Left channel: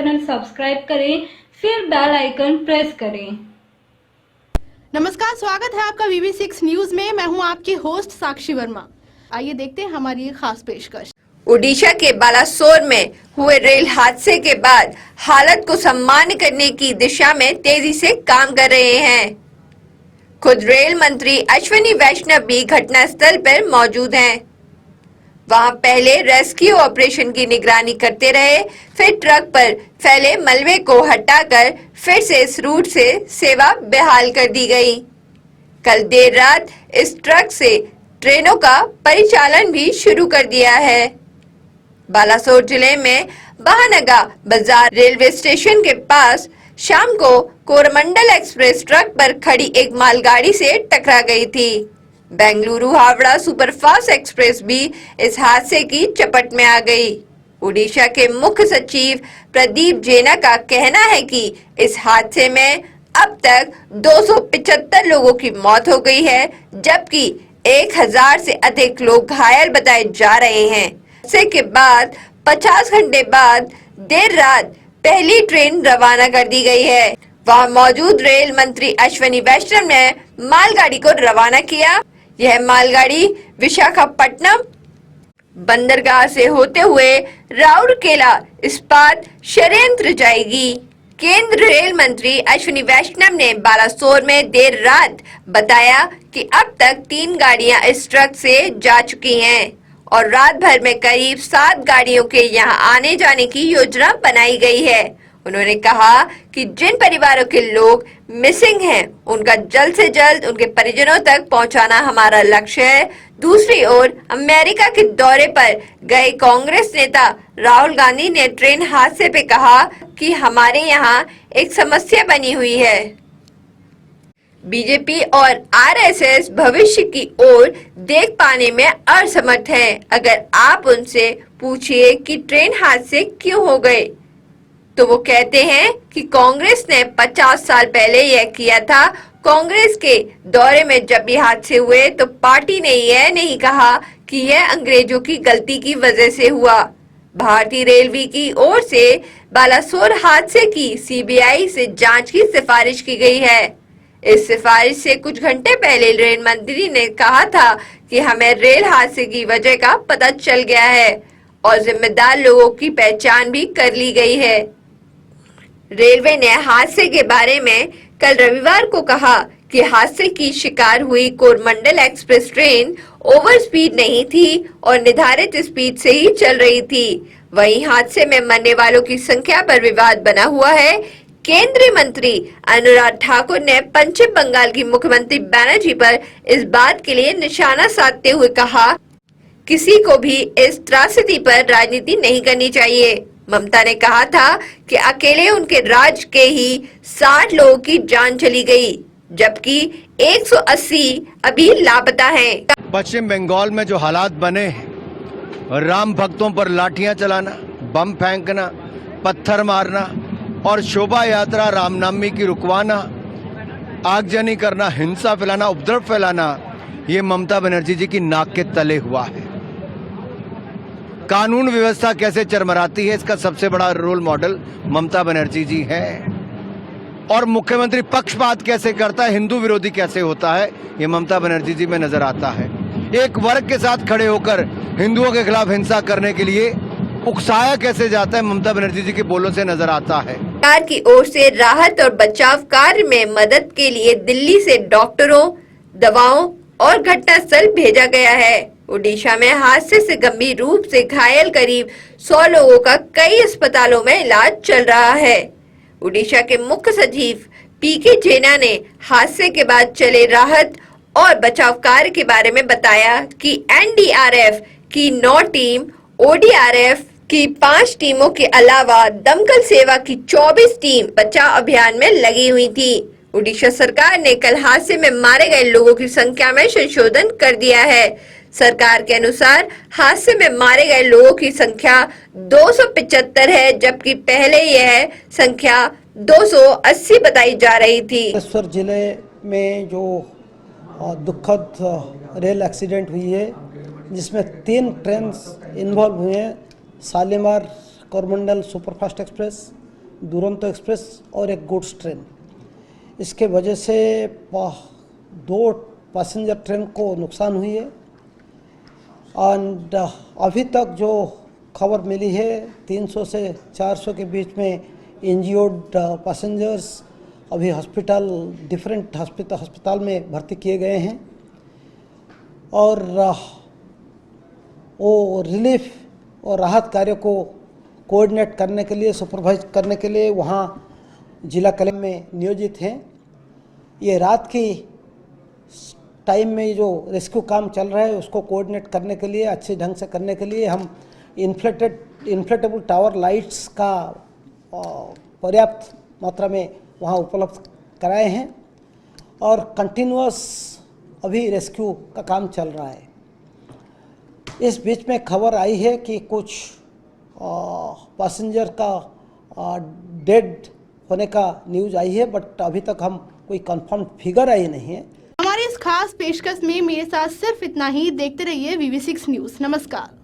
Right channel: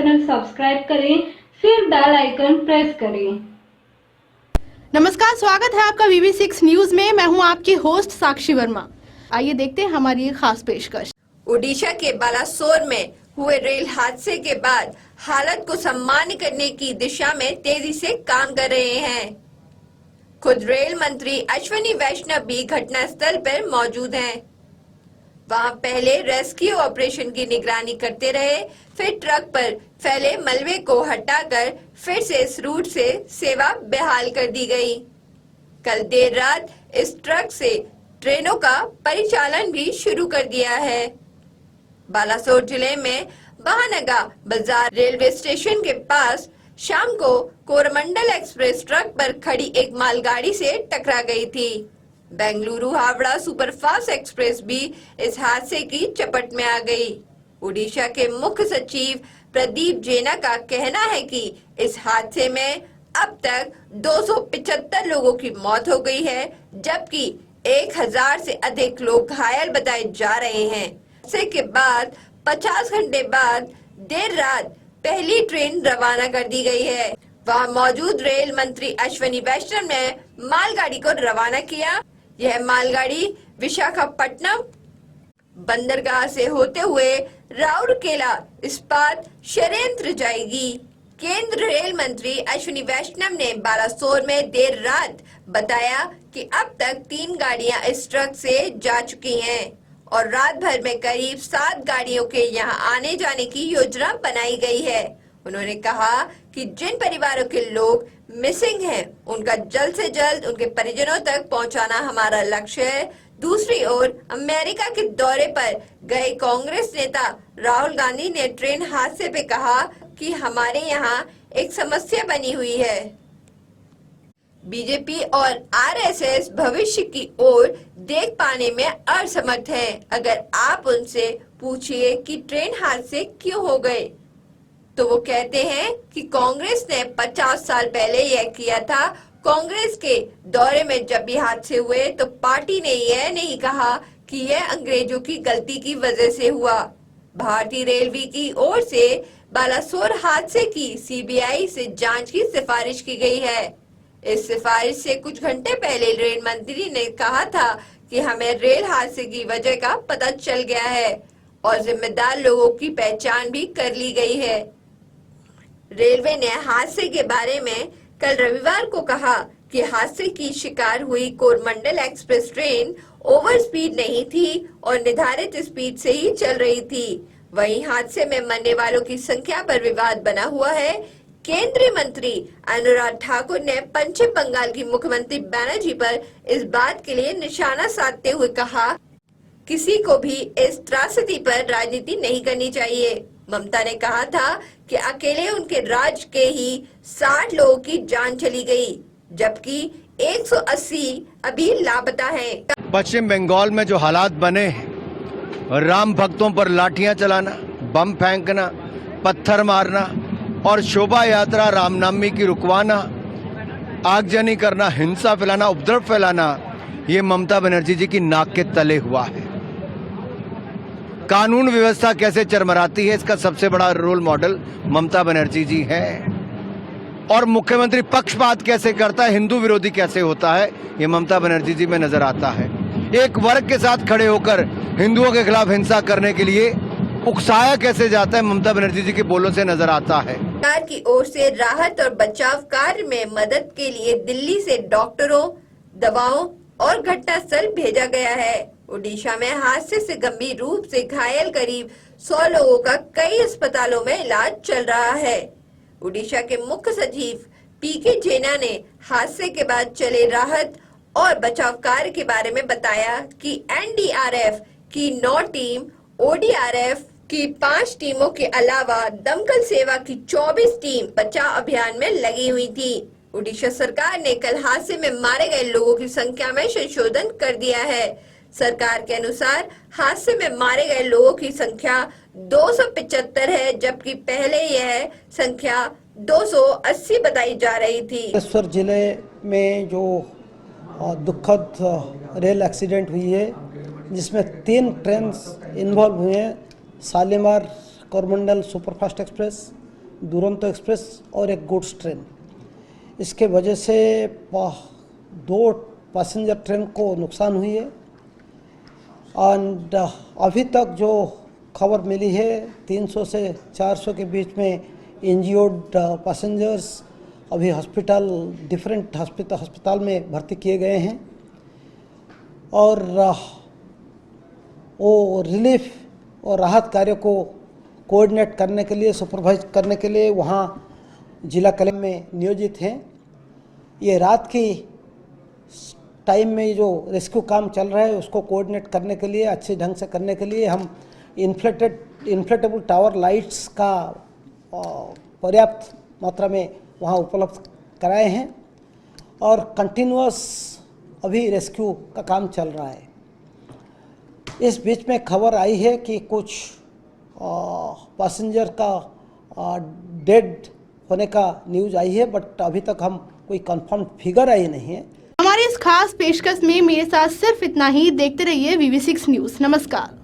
Channel subscribe करें, फिर bell icon press करें। नमस्कार, स्वागत है आपका VV6 न्यूज में। मैं हूं आपकी होस्ट साक्षी वर्मा। आइए देखते हैं हमारी एक खास पेशकश। ओडिशा के बालासोर में हुए रेल हादसे के बाद हालत को सामान्य करने की दिशा में तेजी से काम कर रहे हैं। खुद रेल मंत्री अश्विनी वैष्णव भी घटनास्थल पर मौजूद हैं। वहां पहले रेस्क्यू ऑपरेशन की निगरानी करते रहे, फिर ट्रक पर फैले मलबे को हटाकर फिर से इस रूट से सेवा बहाल कर दी गई। कल देर रात इस ट्रक से ट्रेनों का परिचालन भी शुरू कर दिया है। बालासोर जिले में बहानगा बाजार रेलवे स्टेशन के पास शाम को कोरमंडल एक्सप्रेस ट्रक पर खड़ी एक मालगाड़ी से टकरा गई थी। बेंगलुरु हावड़ा सुपरफास्ट एक्सप्रेस भी इस हादसे की चपेट में आ गई। ओडिशा के मुख्य सचिव प्रदीप जेना का कहना है कि इस हादसे में अब तक 275 लोगों की मौत हो गई है, जबकि 1000 से अधिक लोग घायल बताए जा रहे हैं। हादसे के बाद 50 घंटे बाद देर रात पहली ट्रेन रवाना कर दी गई है। वहां मौजूद रेल मंत्री अश्विनी वैष्णव ने मालगाड़ी को रवाना किया। यह मालगाड़ी विशाखापट्टनम बंदरगाह से होते हुए राउरकेला इस्पात संयंत्र जाएगी। केंद्र रेल मंत्री अश्विनी वैष्णव ने बालासोर में देर रात बताया कि अब तक 3 गाड़ियां इस ट्रक से जा चुकी हैं और रात भर में करीब 7 गाड़ियों के यहां आने जाने की योजना बनाई गई है। उन्होंने कहा कि जिन परिवारों के लोग मिसिंग हैं, उनका जल्द से जल्द उनके परिजनों तक पहुंचाना हमारा लक्ष्य है। दूसरी ओर अमेरिका के दौरे पर गए कांग्रेस नेता राहुल गांधी ने ट्रेन हादसे पे कहा कि हमारे यहाँ एक समस्या बनी हुई है। बीजेपी और आरएसएस भविष्य की ओर देख पाने में असमर्थ है। अगर आप उनसे पूछिए कि ट्रेन हादसे क्यों हो गए, तो वो कहते हैं कि कांग्रेस ने 50 साल पहले यह किया था। कांग्रेस के दौरे में जब भी हादसे हुए तो पार्टी ने यह नहीं कहा कि यह अंग्रेजों की गलती की वजह से हुआ। भारतीय रेलवे की ओर से बालासोर हादसे की सीबीआई से जांच की सिफारिश की गई है। इस सिफारिश से कुछ घंटे पहले रेल मंत्री ने कहा था कि हमें रेल हादसे की वजह का पता चल गया है और जिम्मेदार लोगों की पहचान भी कर ली गई है। रेलवे ने हादसे के बारे में कल रविवार को कहा कि हादसे की शिकार हुई Coromandel express train over speed नहीं थी और निर्धारित स्पीड से ही चल रही थी। वहीं हादसे में मरने वालों की संख्या पर विवाद बना हुआ है। केंद्रीय मंत्री अनुराग ठाकुर ने पश्चिम बंगाल की मुख्यमंत्री बनर्जी पर इस बात के लिए निशाना साधते हुए कहा, किसी को भी इस त्रासदी पर राजनीति नहीं करनी चाहिए। ममता ने कहा था कि अकेले उनके राज्य के ही 60 लोगों की जान चली गई, जबकि 180 अभी लापता हैं। पश्चिम बंगाल में जो हालात बने हैं, राम भक्तों पर लाठियां चलाना, बम फेंकना, पत्थर मारना और शोभा यात्रा रामनवमी की रुकवाना, आगजनी करना, हिंसा फैलाना, उपद्रव फैलाना, ये ममता बनर्जी जी की नाक के तले हुआ है। कानून व्यवस्था कैसे चरमराती है, इसका सबसे बड़ा रोल मॉडल ममता बनर्जी जी हैं। और मुख्यमंत्री पक्षपात कैसे करता है, हिंदू विरोधी कैसे होता है, ये ममता बनर्जी जी में नजर आता है। एक वर्ग के साथ खड़े होकर हिंदुओं के खिलाफ हिंसा करने के लिए उकसाया कैसे जाता है, ममता बनर्जी जी के बोलों से नजर आता है। सरकार की ओर से राहत और बचाव कार्य में मदद के लिए दिल्ली से डॉक्टरों, दवाओं और घटनास्थल भेजा गया है। ओडिशा में हादसे से गंभीर रूप से घायल करीब 100 लोगों का कई अस्पतालों में इलाज चल रहा है। ओडिशा के मुख्य सचिव पीके जेना ने हादसे के बाद चले राहत और बचाव कार्य के बारे में बताया कि एनडीआरएफ की 9 टीम, ओडीआरएफ की 5 टीमों के अलावा दमकल सेवा की 24 टीम बचाव अभियान में लगी हुई थी। ओडिशा सरकार ने कल हादसे में मारे गए लोगों की संख्या में संशोधन कर दिया है। सरकार के अनुसार हादसे में मारे गए लोगों की संख्या 275 है, जबकि पहले यह संख्या 280 बताई जा रही थी। बालेश्वर जिले में जो दुखद रेल एक्सीडेंट हुई है, जिसमें 3 ट्रेन इन्वॉल्व हुए हैं, Shalimar Coromandel superfast express, Duronto express और एक गुड्स ट्रेन। इसके वजह से 2 पैसेंजर ट्रेन को नुकसान हुई है। एंड अभी तक जो खबर मिली है 300 से 400 के बीच में इंजर्ड पैसेंजर्स अभी डिफरेंट अस्पताल में भर्ती किए गए हैं। और वो रिलीफ और राहत कार्य को कोऑर्डिनेट करने के लिए, सुपरवाइज करने के लिए वहाँ जिला कलेक्टर में नियोजित हैं। ये रात की टाइम में जो रेस्क्यू काम चल रहा है उसको कोऑर्डिनेट करने के लिए, अच्छे ढंग से करने के लिए हम इन्फ्लेटेबल टावर लाइट्स का पर्याप्त मात्रा में वहाँ उपलब्ध कराए हैं और कंटिन्यूअस अभी रेस्क्यू का काम चल रहा है। इस बीच में खबर आई है कि कुछ पैसेंजर का डेड होने का न्यूज़ आई है, बट अभी तक हम कोई कंफर्म फिगर आई नहीं है। हमारी इस खास पेशकश में मेरे साथ सिर्फ इतना ही। देखते रहिए VV6 न्यूज़। नमस्कार।